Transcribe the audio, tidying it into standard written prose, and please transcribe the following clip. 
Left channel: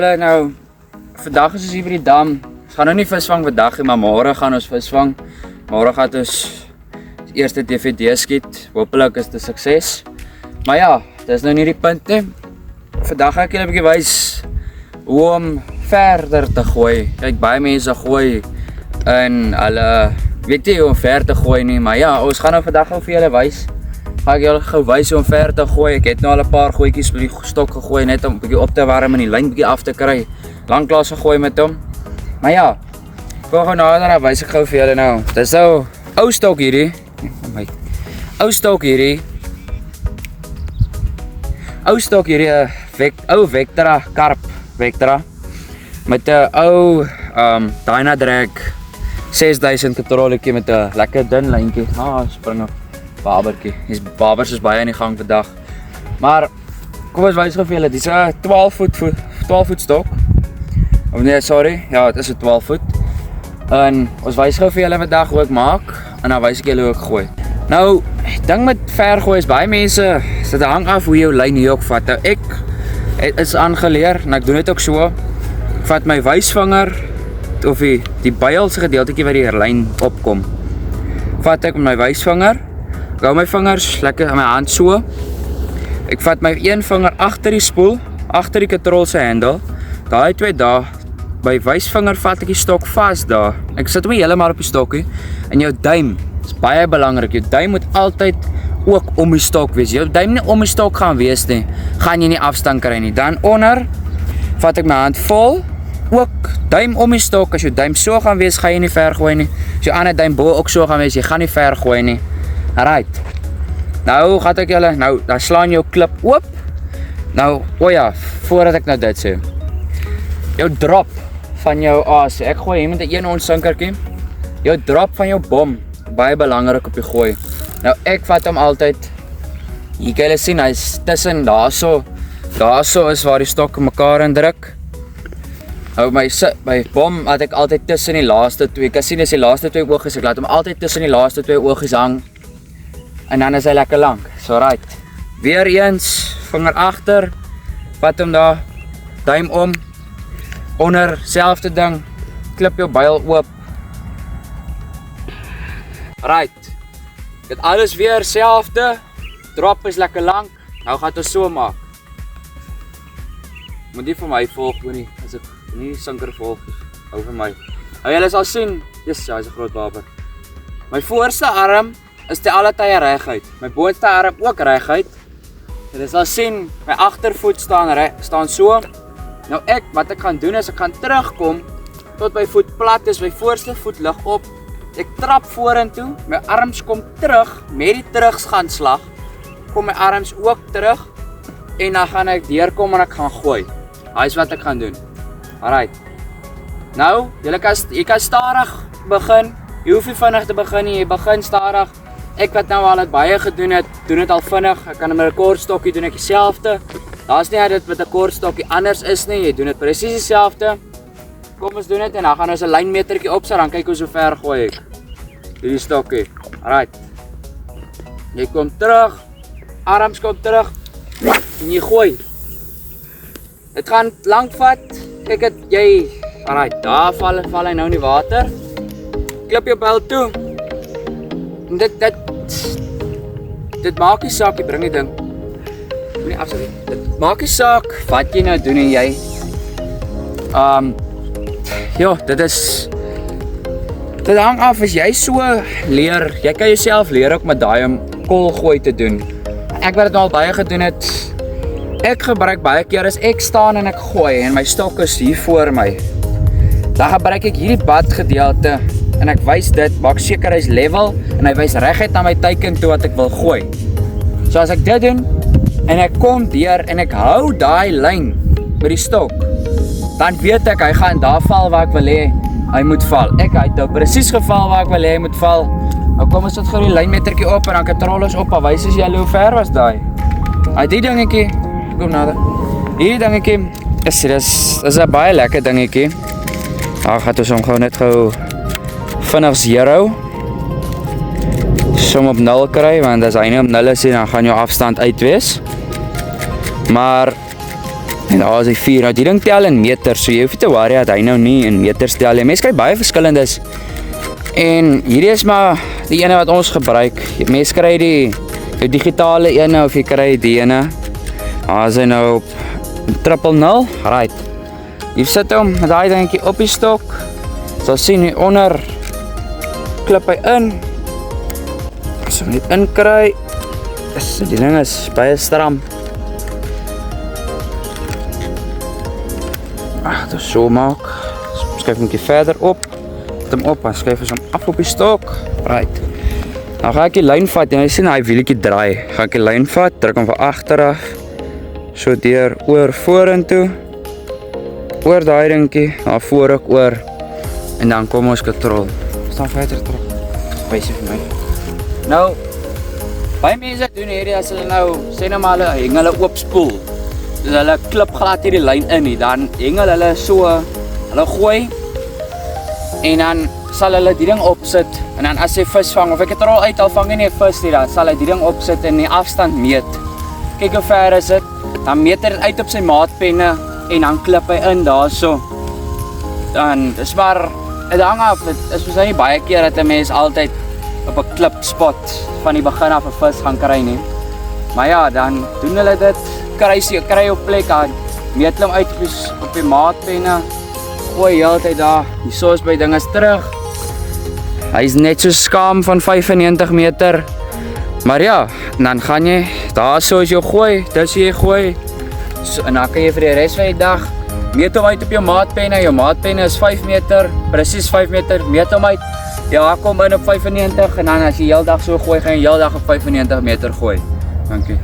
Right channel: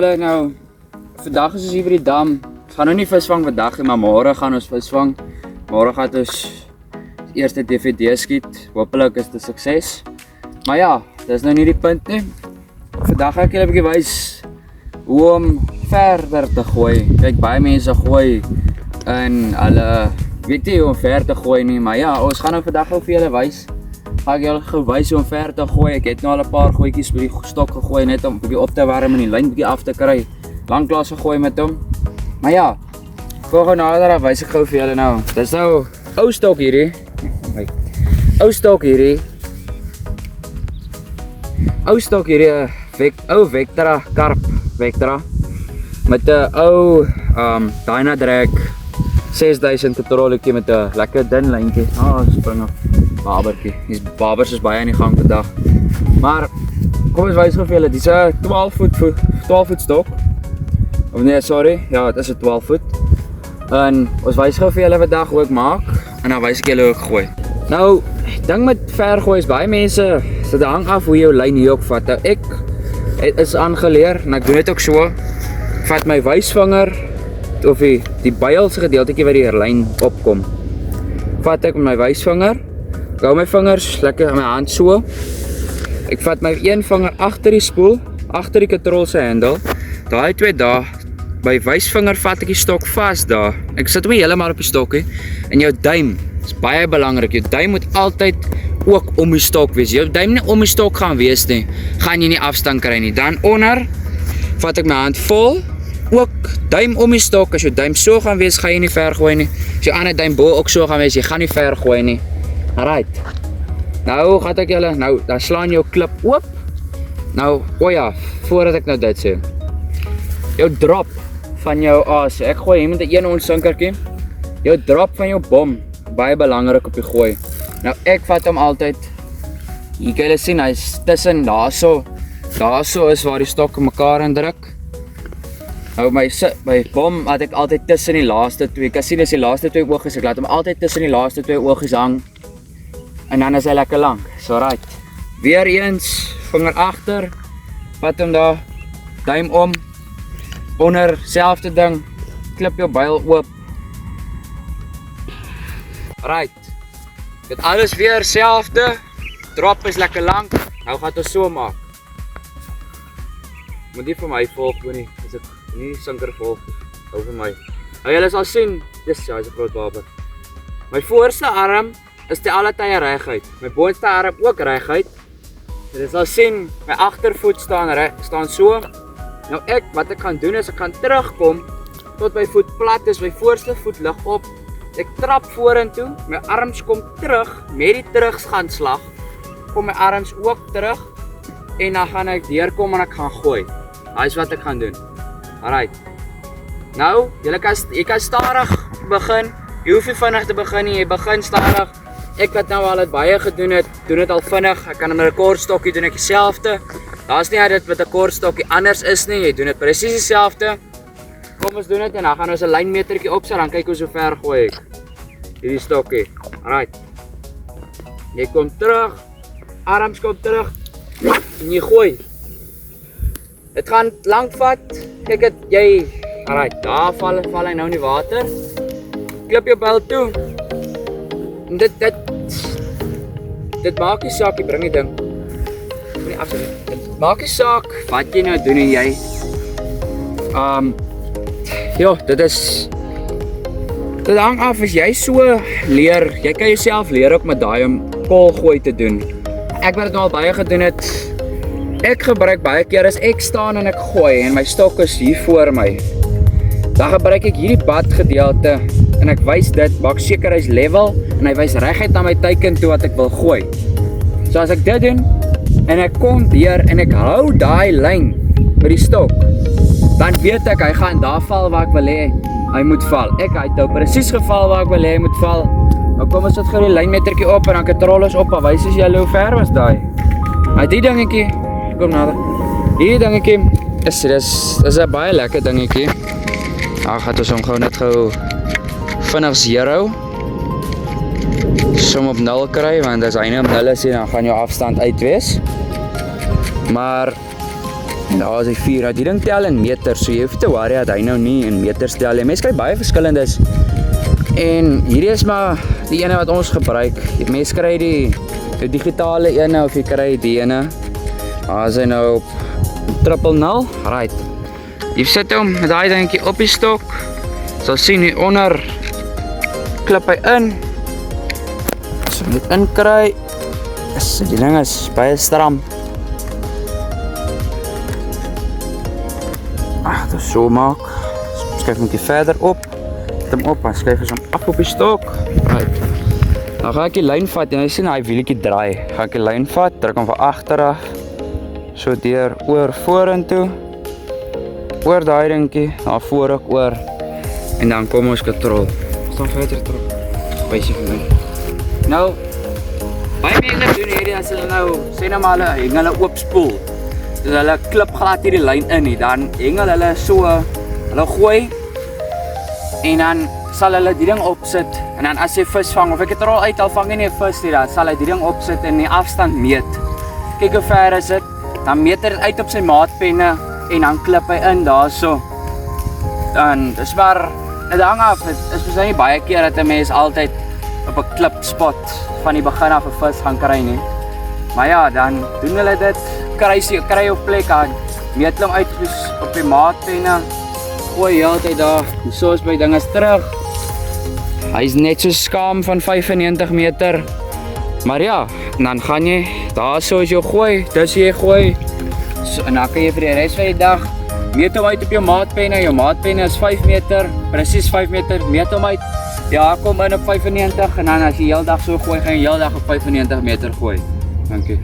julle nou, vandag is ons hier by die dam. Ons gaan nou nie visvang vandag nie, maar môre gaan ons visvang. Môre gaan ons eerste DVD skiet. Hoopelik is dit 'n sukses. Maar ja, dis nou nie die punt nie. Vandag gaan ek julle 'n bietjie wys hoe om verder te gooi. Kyk, baie mense gooi en hulle weet nie hoe om ver te gooi nie, maar ja, ons gaan nou vandag gou vir julle wys. Ga ek julle gou wys hoe om ver te gooi. Ek het nou al 'n paar gootjies by die stok gegooi net om 'n bietjie op te warm en die lyn bietjie af te kry. Lanklaas gegooi met hom. Maar ja, voor gou nader dan wys ek gou vir julle nou. Dis nou ou stok hierdie. Ou stok hierdie. Ou stok hierdie ou Vectra karp Vectra met 'n ou Dynadrag 6000 petrolletjie met 'n lekker dun lyntjie. Spring op babertjie. Dis babers is baie in die gang vandag. Maar kom ons wys gou vir julle. Dis 'n 12 voet stok. Of nee, sorry. Ja, dit is 'n 12 voet. En ons wys gou vir julle vandag hoe ek maak en dan wys ek julle hoe ek gooi. Nou, ding met ver gooi is baie mense, dit hang af hoe jy jou lyn hier ook vat. Nou, ek is aangeleer en ek doen dit ook so. Ek vat my wysvinger of die builse gedeeltjie waar die lyn opkom. Vat ek met my wysvinger. Ek hou my vingers lekker in my hand so. Ek vat my een vinger agter die spoel, agter die katrol se hendel. Daai twee daar, by wysvinger vat ek die stok vas daar. Ek sit hom heeltemal op die stokkie. En jou duim is baie belangrik. Jou duim moet altyd ook om die stok wees. Jou duim nie om die stok gaan wees nie, gaan jy nie afstand kry nie. Dan onder vat ek my hand vol, ook duim om die stok. As jou duim so gaan wees, gaan jy nie ver gooi nie. As jou ander duim bo ook so gaan wees, jy gaan nie ver gooi nie. Alright. Nou gaan ek julle, nou dan slaan jou klip oop. Nou, ja, voordat ek nou dit sê. Jou drop van jou aas. Ek gooi hier met 'n 1 ons sinkertjie. Jou drop van jou bom, baie belangrik op die gooi. Nou ek vat hom altyd. Hier kan julle sien, hy's tussen daarso. Daarso is waar die stokke mekaar indruk. Nou my bom laat ek altyd tussen die laaste twee. Ek kan sien as die laaste twee oogies, ek laat hom altyd tussen die laaste twee oogies hang. En dan is hy lekker lank. So right. Weer eens, vinger agter. Vat hom daar. Duim om. Onder, selfde ding. Klip jou byl oop. Right. Dit alles weer selfde. Drop is lekker lank. Nou gaan ons so maak. Moet nie vir my volg nie. As ek nie sinker volg, hou vir my. Nou julle sal sien, dis ja, hy's 'n groot baber. My voorste arm is te alle tye reguit. My boonste arm ook reguit. Julle sal sien, my agtervoet staan so. Nou wat ek gaan doen is ek gaan terugkom tot my voet plat is. My voorste voet lig op. Ek trap vorentoe, my arms kom terug met die teruggaanslag. Kom my arms ook terug en dan gaan ek deurkom en ek gaan gooi. Daai is wat ek gaan doen. Alright. Nou, jy kan stadig begin. Jy hoef nie vinnig te begin nie, jy begin stadig. Ek wat nou al het baie gedoen het, doen dit al vinnig. Ek kan met 'n kortstokkie doen ek dieselfde. Daar's nie dit met 'n kortstokkie anders is nie, jy doen dit presies dieselfde. Kom ons doen dit en dan gaan ons 'n lynmetertjie opsit, dan kyk ons hoe ver gooi ek. Hierdie stokkie. Alright. Jy kom terug. Arms kom terug. En jy gooi. Dit gaan lank vat. Kyk dit jy. Alright, daar val hy nou in die water. Klip jou byl toe. En dit maak nie saak, jy bring die ding. Moenie afsit. Dit maak nie saak wat jy nou doen en jy. Ja, dit hang af as jy so leer. Jy kan jouself leer ook met daai om koolgooi te doen. Ek wat dit nou al baie gedoen het. Ek gebruik baie keer as ek staan en ek gooi en my stok is hier voor my. Dan gebruik ek hierdie bad gedeelte en ek wys dit, maak seker hy's level en hy wys reguit na my teiken toe wat ek wil gooi. So as ek dit doen en ek kom deur en ek hou daai lyn by die stok, dan weet ek hy gaan daar val waar ek wil hê hy moet val. Ek het nou presies geval waar ek wil hê hy moet val. Nou kom ons sit gou die lynmetertjie op en dan katrol ons op en wys as jy hoe ver was daai. Die dingetjie, kom nader. Hierdie dingetjie is 'n baie lekker dingetjie. Daar gaan ons hom gou net gou vinnig 0. Som op 0 kry, want as hy nie op 0 is, dan gaan jou afstand uit wees. Maar En daar is die 4, nou die ding tel in meters, so jy hoef nie te worry dat hy nou nie in meters tel nie. Mense kry baie verskillendes. En hierdie is maar die ene wat ons gebruik. Mense kry die digitale ene of jy kry die ene. Daar is hy nou op 000, right. Hier sit hom met daai dingetjie op die stok. Sal sien hier onder klip hy in. So net inkry. Die ding is baie stram. Dit so maak. Skuif hom 'n bietjie verder op. Sit hom op en skuif hom af op die stok. Right. Nou gaan ek die lyn vat en jy sien hy wieltjie draai. Gaan ek die lyn vat, druk hom van agter af. So deur oor vorentoe. Oor daai dingetjie, na voor ek oor. En dan kom ons kontrol. Staan verder terug. Wysie vir my. Nou baie mense doen hierdie as hulle nou sê nou maar hulle heng hulle oop spoel. Dus hulle klip glad hierdie lyn in nie, dan heng hulle so, hulle gooi en dan sal hulle die ding opsit en dan as jy vis vang of ek het er al uit al vang jy nie 'n vis nie, dan sal hy die ding opsit en die afstand meet. Kyk hoe ver is dit? Dan meet hy dit uit op sy maatpenne en dan klip hy in daarso. Dan dis maar dit hang af. Dit is mos nie baie keer dat 'n mens altyd op 'n klipspot van die begin af 'n vis gaan kry nie. Maar ja, dan doen hulle dit, kry op plek aan, meet hom uit op die maatpenne, gooi heeltyd daar, die soos by dinges terug. Hy is net so skaam van 95 meter. Maar ja, dan gaan jy, daar so as jy gooi, dis jy gooi. So, en dan kan jy vir die res van die dag, meet hom uit op jou maatpenne is 5 meter, presies 5 meter, meet hom uit. Ja, kom in op 95 en dan as jy heel dag so gooi, gaan jy heel dag op 95 meter gooi. Dankie.